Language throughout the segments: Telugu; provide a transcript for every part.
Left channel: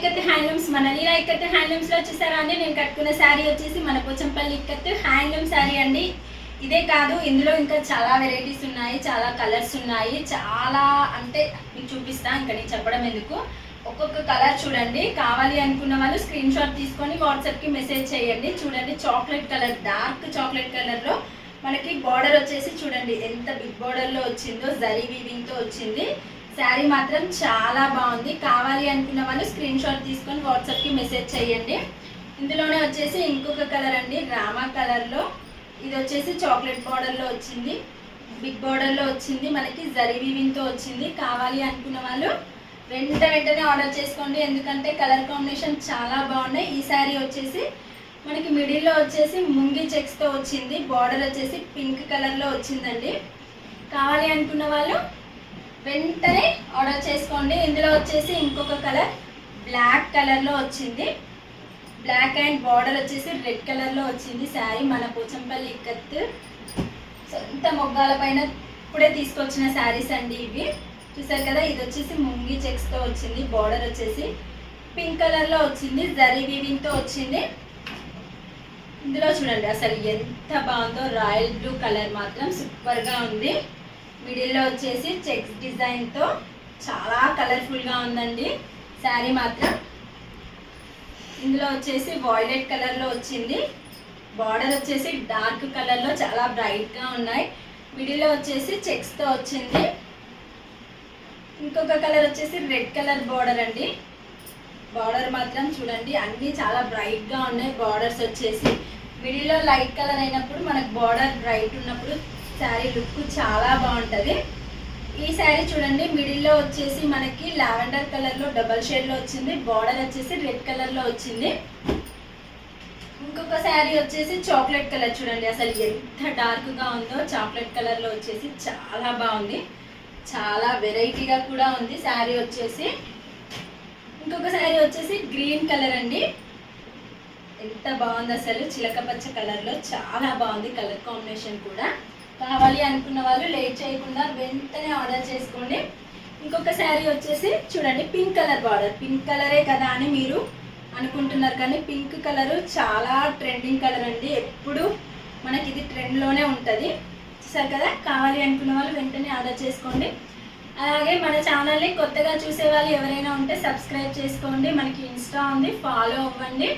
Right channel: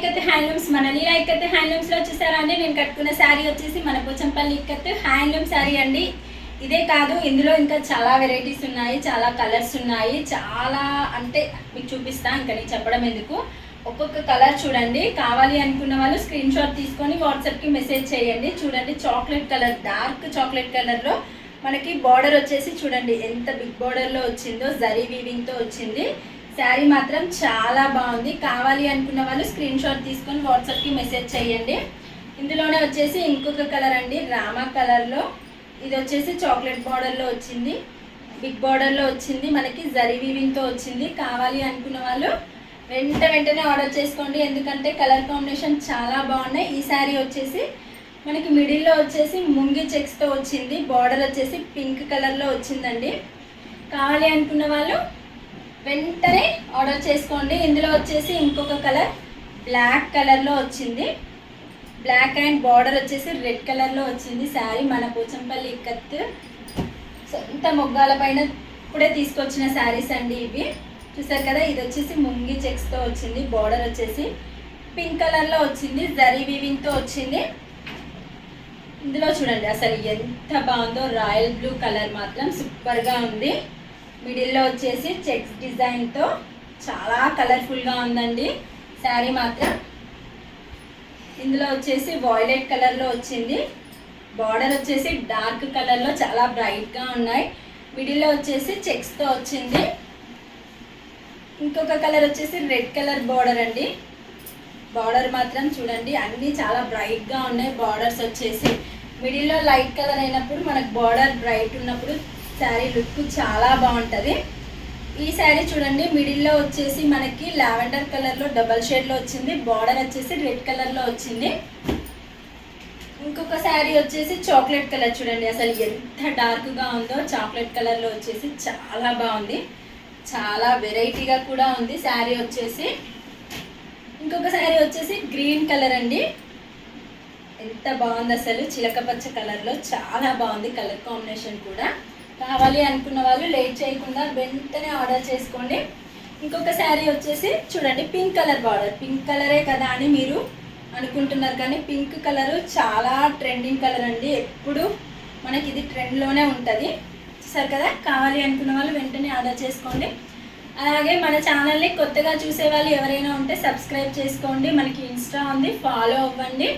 ఇక్కత్ హ్యాండ్లూమ్స్. మన లీలా ఇక్కత్ హ్యాండ్లూమ్స్ లో చూసారా అండి, నేను కట్టుకున్న శారీ వచ్చేసి మన పోచంపల్లి ఇక్కత్ హ్యాండ్లూమ్ శారీ అండి. ఇదే కాదు, ఇందులో ఇంకా చాలా వెరైటీస్ ఉన్నాయి, చాలా కలర్స్ ఉన్నాయి. చాలా అంటే మీకు చూపిస్తా, ఇంకా నేను చెప్పడం ఎందుకు. ఒక్కొక్క కలర్ చూడండి. కావాలి అనుకున్న వాళ్ళు స్క్రీన్ షాట్ తీసుకొని వాట్సాప్కి మెసేజ్ చేయండి. చూడండి, చాక్లెట్ కలర్, డార్క్ చాక్లెట్ కలర్లో మనకి బార్డర్ వచ్చేసి చూడండి ఎంత బిగ్ బార్డర్లో వచ్చిందో, జరీ వీవింగ్తో వచ్చింది. శారీ మాత్రం చాలా బాగుంది. కావాలి అనుకున్న వాళ్ళు స్క్రీన్ షాట్ తీసుకొని వాట్సాప్కి మెసేజ్ చేయండి. ఇందులోనే వచ్చేసి ఇంకొక కలర్ అండి, రామా కలర్లో. ఇది వచ్చేసి చాక్లెట్ బార్డర్లో వచ్చింది, బిగ్ బార్డర్లో వచ్చింది, మనకి జరీ వీవింగ్తో వచ్చింది. కావాలి అనుకున్న వాళ్ళు వెంటనే ఆర్డర్ చేసుకోండి, ఎందుకంటే కలర్ కాంబినేషన్ చాలా బాగున్నాయి. ఈ శారీ వచ్చేసి మనకి మిడిల్లో వచ్చేసి ముంగి చెక్స్తో వచ్చింది, బార్డర్ వచ్చేసి పింక్ కలర్లో వచ్చిందండి. కావాలి అనుకున్న వాళ్ళు వెంటనే ఆర్డర్ చేసుకోండి. ఇందులో వచ్చేసి ఇంకొక కలర్ బ్లాక్ కలర్లో వచ్చింది, బ్లాక్ అండ్ బార్డర్ వచ్చేసి రెడ్ కలర్లో వచ్చింది. శారీ మన పోచంపల్లి ఇక్కత్ సొంత మొగ్గాల పైన కూడా తీసుకొచ్చిన శారీస్ అండి ఇవి. చూసారు కదా, ఇది వచ్చేసి ముంగి చెక్స్తో వచ్చింది, బార్డర్ వచ్చేసి పింక్ కలర్లో వచ్చింది, జరీ వీవింగ్తో వచ్చింది. ఇందులో చూడండి అసలు ఎంత బాగుందో, రాయల్ బ్లూ కలర్ మాత్రం సూపర్గా ఉంది. మిడిల్లో వచ్చేసి చెక్స్ డిజైన్తో చాలా కలర్ఫుల్గా ఉందండి శారీ మాత్రం. ఇందులో వచ్చేసి వాయిలెట్ కలర్లో వచ్చింది, బార్డర్ వచ్చేసి డార్క్ కలర్లో చాలా బ్రైట్గా ఉన్నాయి. మిడిల్లో వచ్చేసి చెక్స్తో వచ్చింది. ఇంకొక కలర్ వచ్చేసి రెడ్ కలర్ బార్డర్ అండి. బార్డర్ మాత్రం చూడండి అన్నీ చాలా బ్రైట్గా ఉన్నాయి. బార్డర్స్ వచ్చేసి మిడిల్లో లైట్ కలర్ అయినప్పుడు మనకు బార్డర్ బ్రైట్ ఉన్నప్పుడు శారీ లుక్ చాలా బాగుంటుంది. ఈ శారీ చూడండి, మిడిల్లో వచ్చేసి మనకి లావెండర్ కలర్లో డబల్ షేడ్లో వచ్చింది, బార్డర్ వచ్చేసి రెడ్ కలర్లో వచ్చింది. ఇంకొక శారీ వచ్చేసి చాక్లెట్ కలర్ చూడండి, అసలు ఎంత డార్క్గా ఉందో. చాక్లెట్ కలర్లో వచ్చేసి చాలా బాగుంది, చాలా వెరైటీగా కూడా ఉంది శారీ వచ్చేసి. ఇంకొక శారీ వచ్చేసి గ్రీన్ కలర్ అండి, ఎంత బాగుంది అసలు, చిలక పచ్చ కలర్లో చాలా బాగుంది కలర్ కాంబినేషన్ కూడా. కావాలి అనుకున్న వాళ్ళు లేట్ చేయకుండా వెంటనే ఆర్డర్ చేసుకోండి. ఇంకొక శారీ వచ్చేసి చూడండి, పింక్ కలర్ బార్డర్. పింక్ కలరే కదా అని మీరు అనుకుంటున్నారు, కానీ పింక్ కలరు చాలా ట్రెండింగ్ కలర్ అండి. ఎప్పుడు మనకి ఇది ట్రెండ్లోనే ఉంటుంది. చూసారు కదా, కావాలి అనుకున్న వాళ్ళు వెంటనే ఆర్డర్ చేసుకోండి. అలాగే మన ఛానల్ని కొత్తగా చూసే వాళ్ళు ఎవరైనా ఉంటే సబ్స్క్రైబ్ చేసుకోండి. మనకి ఇన్స్టా ఉంది, ఫాలో అవ్వండి.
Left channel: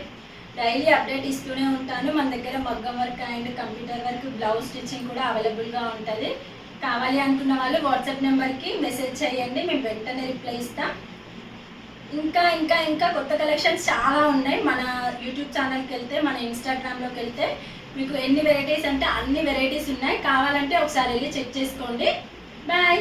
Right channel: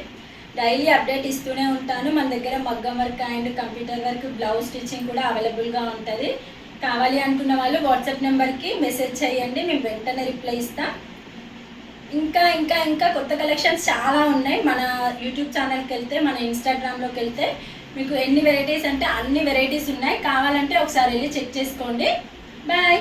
డైలీ అప్డేట్ ఇస్తూనే ఉంటాను. మన దగ్గర మగ్గం work and computer work, blouse stitching కూడా అవైలబుల్గా ఉంటుంది. కావాలి అనుకున్న వాళ్ళు వాట్సాప్ నెంబర్కి మెసేజ్ చేయండి, మేము వెంటనే రిప్లై ఇస్తాం. ఇంకా ఇంకా ఇంకా కొత్త కలెక్షన్స్ చాలా ఉన్నాయి. మన యూట్యూబ్ ఛానల్కి వెళ్తే, మన ఇన్స్టాగ్రామ్లోకి వెళ్తే మీకు ఎన్ని వెరైటీస్ అంటే అన్ని వెరైటీస్ ఉన్నాయి. కావాలంటే ఒకసారి వెళ్ళి చెక్ చేసుకోండి. బాయ్.